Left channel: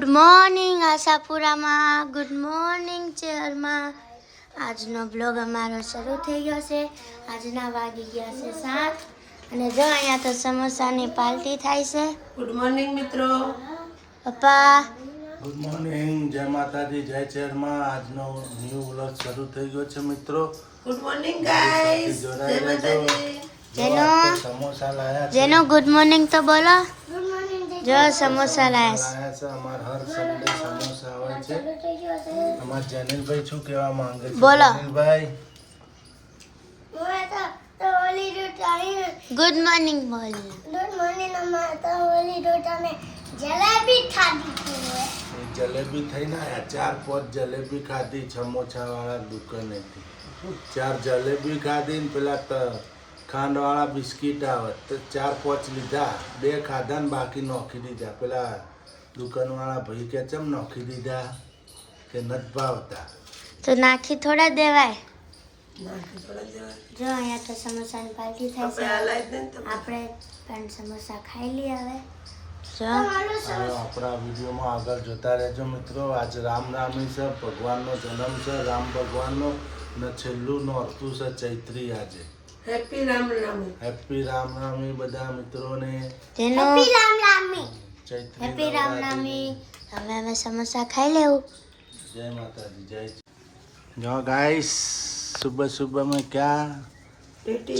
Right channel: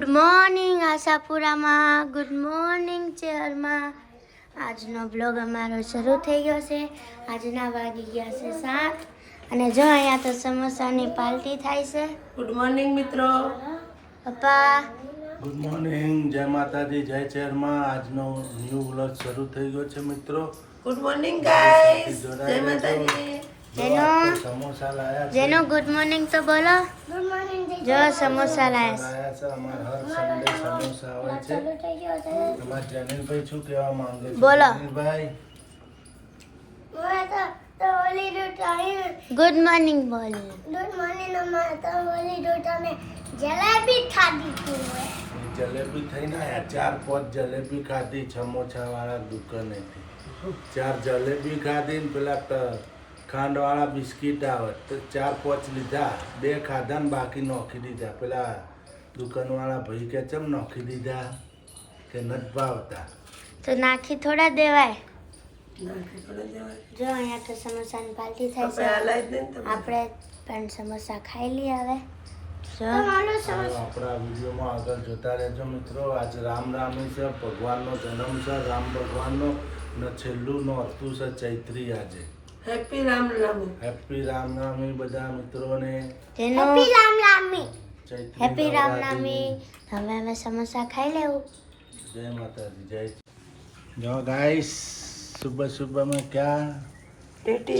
Good morning આશાપુરામાં, good morning ચેહરમાં. આજનો બ્લોગ અમારો શરૂ થઈ ગયો છે. આજના વાગી ગયા છે 7 અને જો અહીંયા તો સમોસાની પાર્ટી થાય છે. ગુડ મોર્નિંગ મિત્રો. પપ્પા ગુડ મોર્નિંગ, જય માતાજી, જય ચેરમાં. આજનો ન્યૂ વ્લોગ શરૂ થઈ ગયો છે મિત્રો. Good morning guys. જય માતાજી. સમોસા લાયા જેનો ગુડ મોર્નિંગ તો બોલો. જો સમોસા લાયા છે. અમાર હર સન્ડે સમોસા હોય છે. અમાર જેનિલભાઈ શું કહેવા માંગે છે? બોલો. જેનિલભાઈ ગુડ મોર્નિંગ બોલ. ગુડ મોર્નિંગ અમારે તો ઓલી રોટ અમે જલેબી ખાધી હતી. જલેબી થઈને આયા 4-5 જલેબી ખાધી સમોસા વાળા દુકાનેથી. 4 જલેબી ખાધી ને પેલા ખાંડવાળા બિસ્કીટ આવે તો 4-5 લીધા, 2 ખાધા ને બાકી નોખી દીધા. પેલા દુકાનવાળા ભાઈ કે ચમ નોખી દીધા કે નથી ભાવતા. તો નાખી થોડા દેવાય. જો અહીંયા તો સમોસાની પાર્ટી થાય છે. આપણે પણ સમોસા ખાઈ લઈએ હવે. જો આપણા વિડીયોમાં આગળ જોતા રહેજો મિત્રો. આજ રામનવમી છે, ભગવાનનો જન્મ છે, રામ ભગવાનનો, ને છેલ્લું નોરતું છે ચૈત્રી. આજે હેપી રામનવમી. હેપી રામનવમી બધા મિત્રોને. જેનો હેપી રામનવમી. ચૈત્રી હેપી રામનવમી. હવે અમે સમોસા ખાઈ લેવું. जय माता दी, जय। जो गाइस सुबह सुबह में क्या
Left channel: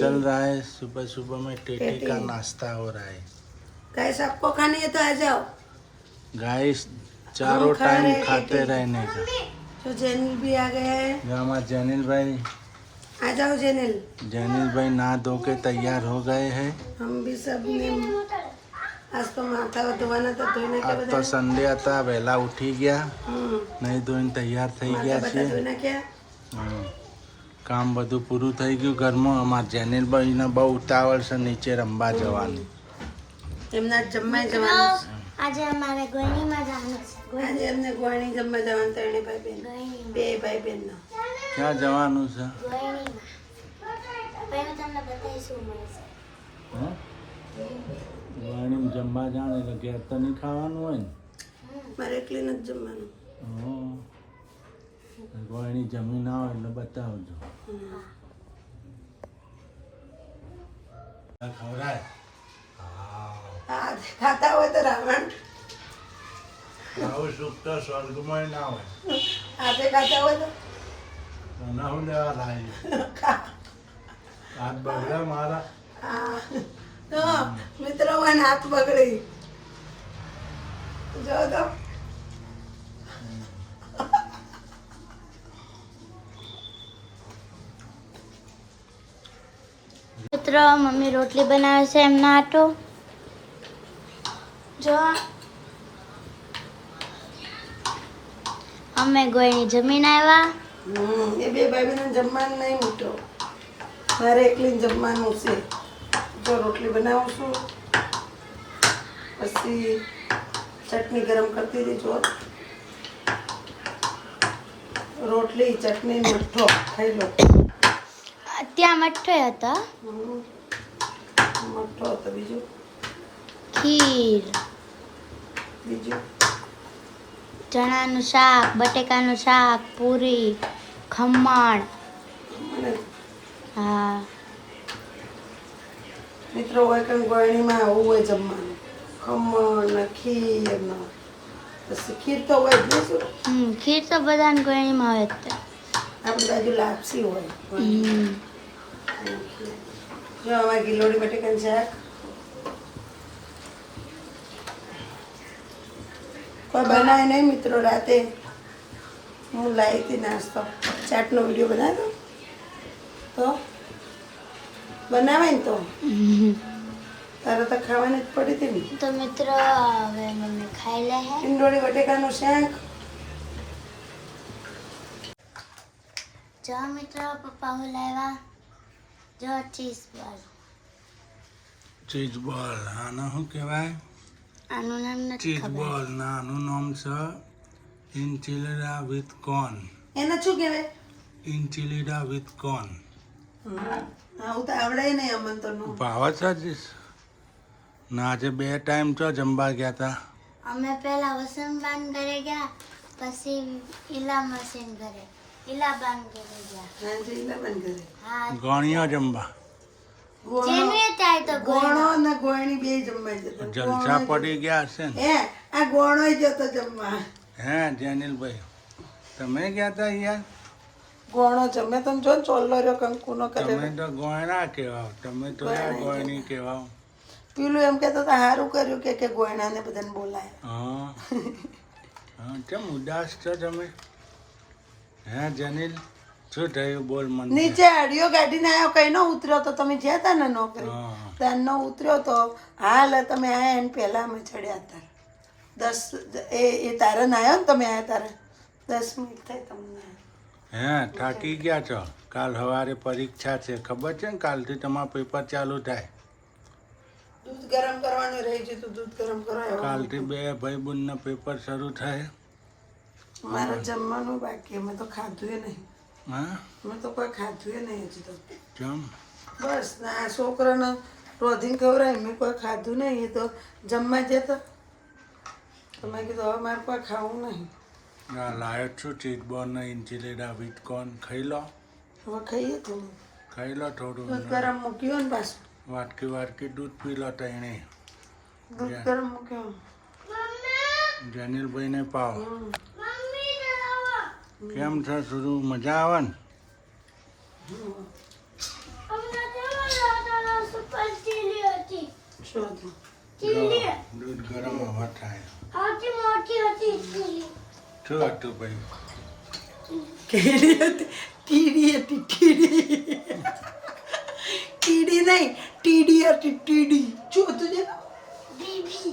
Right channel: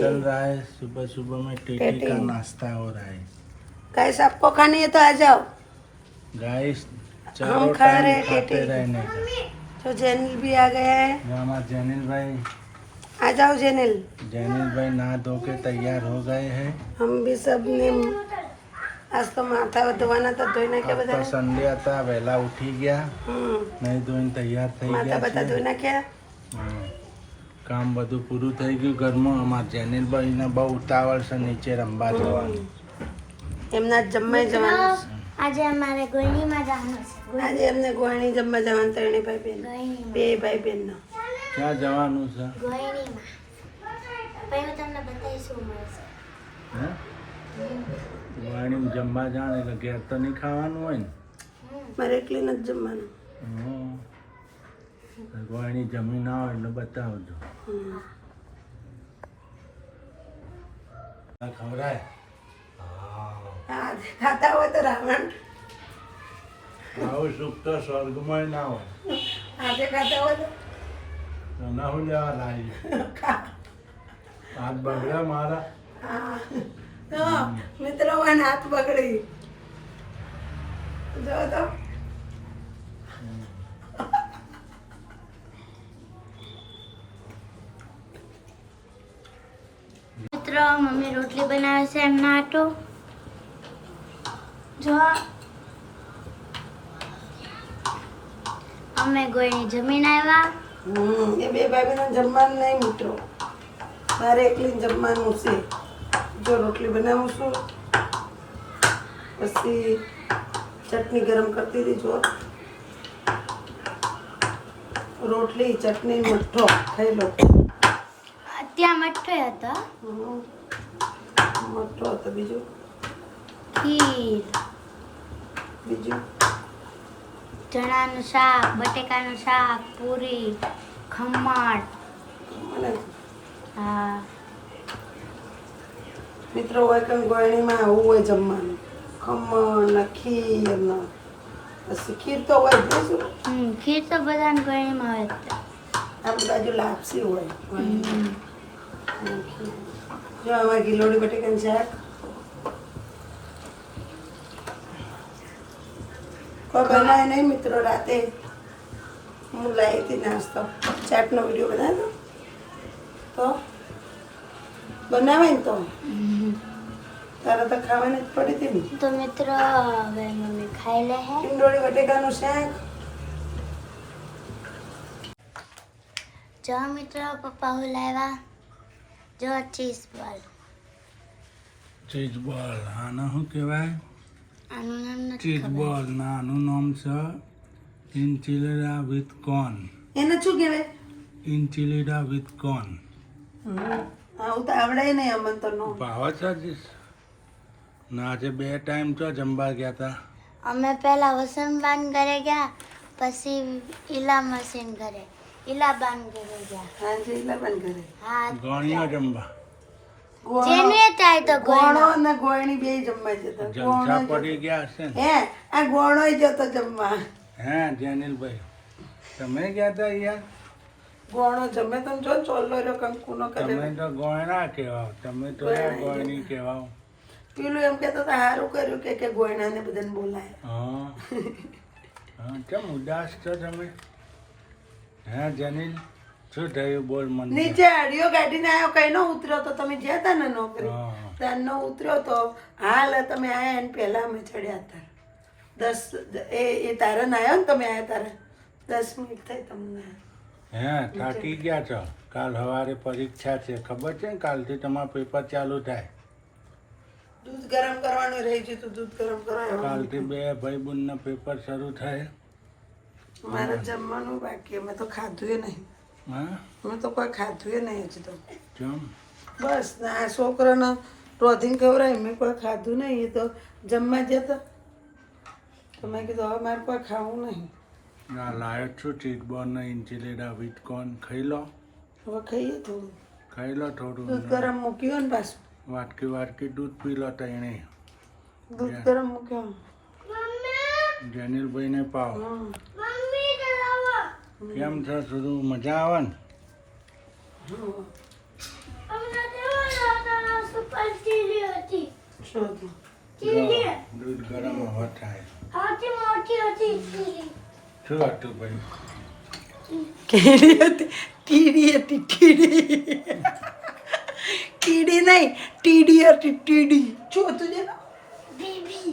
चल रहा है? सुबह सुबह में टेटी का नाश्ता हो रहा है। गाइस आपको खानी है तो आ जाओ. गाइस चारों टाइम खाते रहने का. तो जेनिल भी आ गए हैं. जो हमारे जैनिल भाई, आ जाओ जेनिल. जैनिल भाई नहा धो के तैयार हो गए हैं. हम भी सब ने आज तो माथा धोवाना था, धोઈને કે आज બધા तो संडे હતા, વહેલા ઉઠી ગયા, નહીં ધોઈને તૈયાર થઈ માથા ગયા બધા છે. ધોઈને કે કામ બધું પૂરું થઈ ગયું ઘરમાં. અમારા જેનિલભાઈને બહુ ઉતાવળ છે નીચે રમવા જવાની. એમના જમવા જવાનું છે. આજે અમારે ગોઈનીમાં જવાનું છે. આજે એમને ગુવાણી જમવા જવાનું ત્રણે ભાઈ બહેન, ગોઈનીમાં. બે ભાઈ બહેન. ક્યાં જવાનું છે? ગોઈનીમાં. પછી હું તમને બતાવીશ શું મળશે. હે? વાણીમાં જમવા જાણ એટલે ઘેર તો નહીં ખાવાનું હોય ને. મારે એકલી નથી જમવાનું. વાણી જમી ના હોય એટલે બતાવજો. ખવડાય. હા ખાતા હોય તો રાવણ આવું સુખ તો સ્વર્ગમાં ના હોય. આજે ખાતા હોય તો તને હું લેવા લાવી? હાથ બગડ્યા મારા. હા તો મિત્રો મને હાથ બગડી જો તો મિત્રો મમ્મી રોટલી બનાવે છે એમના આટો. જો અમે ગોઈની જમીન આવ્યા. એ બે ભાઈ બહેન જમવાનું નહીં મિત્રો, મારે એકલી જમવાનું છે. જો રોટલી બનાવું છું, પછી ચટણી ગરમ કરતી હતી. જો રોટલી, ચટણી, મઠ્ઠો ખાઈ લો. ત્યાં મઠ્ઠો હતો, મઠ્ઠો હતો, બીજું ખીર, ચણાનું શાક, બટેકાનું શાક, પૂરી, ખમણ. મને હા મિત્રો હોય કંઈ ગોળણીમાં આવું હોય જમવાનું, ખમણ ને ખીર ને પછી ખીર તો હોય જ ને. શું ખીર તો બધાને ગોળણીમાં હોય જ. આપણી બાજુ લાપસી હોય. હમ. જો અમારે ગિલોડી બટેકાનું શાક. કોઈ બનાવે નહીં મિત્રો. રાતે હું લાવી હતી નાસ્તો, ચાટનો વિડીયો બનાવ્યો તો બનાવે ને તો તારે તો ખાવાની જ પડી હતી ને. તો મિત્રો હવે મમ્મી ખાઈ લે હે. ગિલોડી બટેકાનું શાક. જો મિત્રો પપ્પા હું લાવ્યા. જો ચીઝ બોલ. ચીઝ બોલ. આને શું કહેવાય? આનું નામ નથી ચીઝ ખબર. બોલ. ના, આનું નામ છે ઇન્ચિલિડા વિથ કોર્ન. એને શું કહેવાય? ઇન્ચિલિડા વિથ કોર્ન. આવું તો આવડે નહીં અમને તો. નો ભાવ છે જ. ના આજે 2 ટાઈમ ચો જમવા ગયા હતા. અમે પહેલા વસંતબાન ઘરે ગયા, પછી ઈલા મશીન ઘરે, ઈલાબાન ઘરે ગયા. હાંજે ઈલાબાન ઘરે હા, ગોણીઓ જમવા જેને થાય તો ગોણો અને ગોયણી બે જમવા જતા. જલસા પડી ગયા હશે ને. હે આ ગોણો જતો જમવા. હે જેનિલભાઈ, તમે ગયા હતા યાર? ગોણો જમે તમે જો ને ચોલ્લો રહ્યો કંકુનો કરે. તમે તો ગોયણા કહેવાઓ, તમે તો યાર ગોયણી કહેવાઓ. પેલું એમ કહેતો તો સારું કર્યું કે ગોયણાને બધાને બોલાય. હા હા, કેમ ઉદાસ છો તમે? હે જેનિલ, શું થયું બોલ મને? નીચે આડિયો ગાડીને આવ્યો કઈ નો ઉતર્યો તો તમે જ્યાં હતા ને નોકરી હા ત્યાંનો ઉતર્યો તો હાલ તમે આયા એને પહેલા અમે ચડ્યા હતા 10 એ તારણ આવ્યો ને તમે આયા તારે 10 મિનિટ થઈ તમને. હે થાકી ગયા છો? કાલ સવારે પરીક્ષા છે, ખબર છે ને? કાલથી તમારું પેપર ચાલુ થાય. દૂધ ગરમ કરવાનું રહી ગયું તો દૂધ ગરમ કરાયો. કાલથી બે ભાઈ બહેનના પેપર શરૂ થાય. મારે જમવાનું બાકી અમે તો ખાધું નહીં. હા અમે તો કોઈ ખાધું નહીં હજી તો. જમ. બસ ના આ છોકરાનો રોધીને ખવડાય મેં કોઈ ખાધું નહીં. એ તો જમવા જતો તો મેં કીધું હવે મારે કોઈ ખાવું નહીં. આ લાયો છું ચીટબોર્ન ઇન્ચીલેડા વીટકોર્ન, ખાઈ લો. હવે ખાઈએ થોડું. ખાઈ લો થોડું. દૂધ ગરમ મૂક્યું ને પાછું વાટકી વાટકી દૂધ પી લો તઈને. દૂધ ગરમ મૂક્યું. જેનિલભાઈને પાવ. હમ. કેમ છે શું મજા આવે ને? શું હતું? જો, દૂધ ગરમ હવે થાય. શું હતું ભાઈ? કીડી હતી. ટીડી હતી ટીડી. ટીડી નહીં ટીડી હતી ટીડી. શું હતું જેનો? બીબી.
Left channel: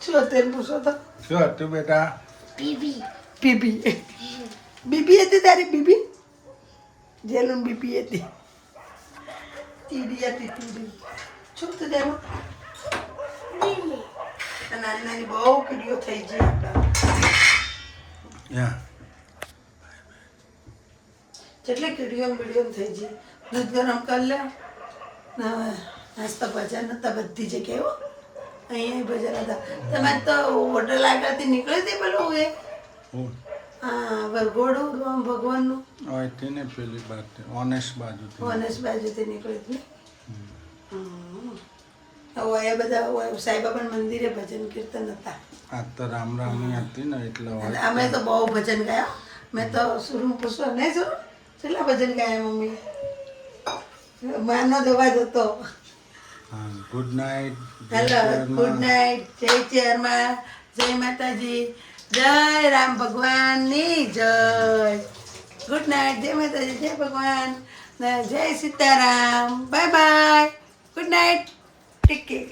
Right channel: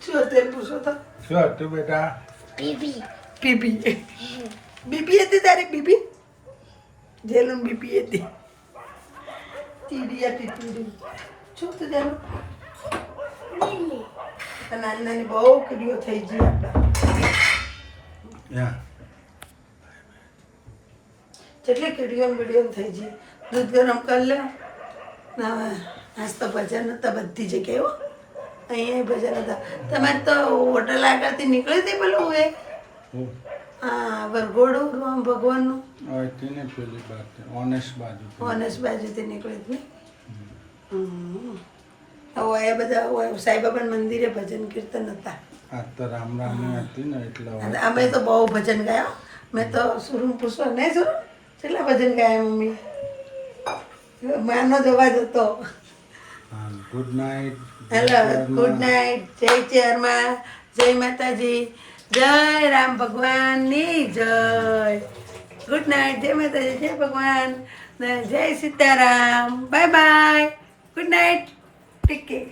શું હતું એમ પૂછો તો? શું હતું બેટા? બીબી. બીબી. બીબી હતી તારી બીબી? જેનું બીબી હતી. ટીડી હતી ટીડી. શું હતું જેનું? નાની નાની બહુ કીડીઓ થઈ ગઈ આપણા. યા જેટલી કીડીઓ બીડીઓ થઈ ગઈ. દૂધ ગરમ કરી લે. હવે નાસ્તા ભજન હતા બધી જગ્યાએ હો. અહીંયા ભજન હતા. તમે તો હોટલ આગળથી નીકળી હતી પેલું એ હા વરઘોડું ભગવાનનું અહીંથી ને પેલી બાજુ ઓનેસ્ટ બાજુ. ઓનેસ બાજુથી નીકળી હતી ને. હવે એ બધા સાંઈબાબાના મંદિરે ભજન કીર્તન હતા. આ તો રામ રામની હતી ને એટલે અને અમે તો બહુ ભજન ગાયા. મેં તો સુરું પૂછો નહીં સુરું કેટલા ભજન ગાયા મમ્મી. માનો જ અવાજ હતો. હા good night. Hello good night. જય ચેરમાં, જય માતાજી, જય રામ ભગવાનની જય. ગુડ નાઇટ, જય માતાજી, જય ભગવાન, ને જય Sitaram. Bye bye, good night. Take care.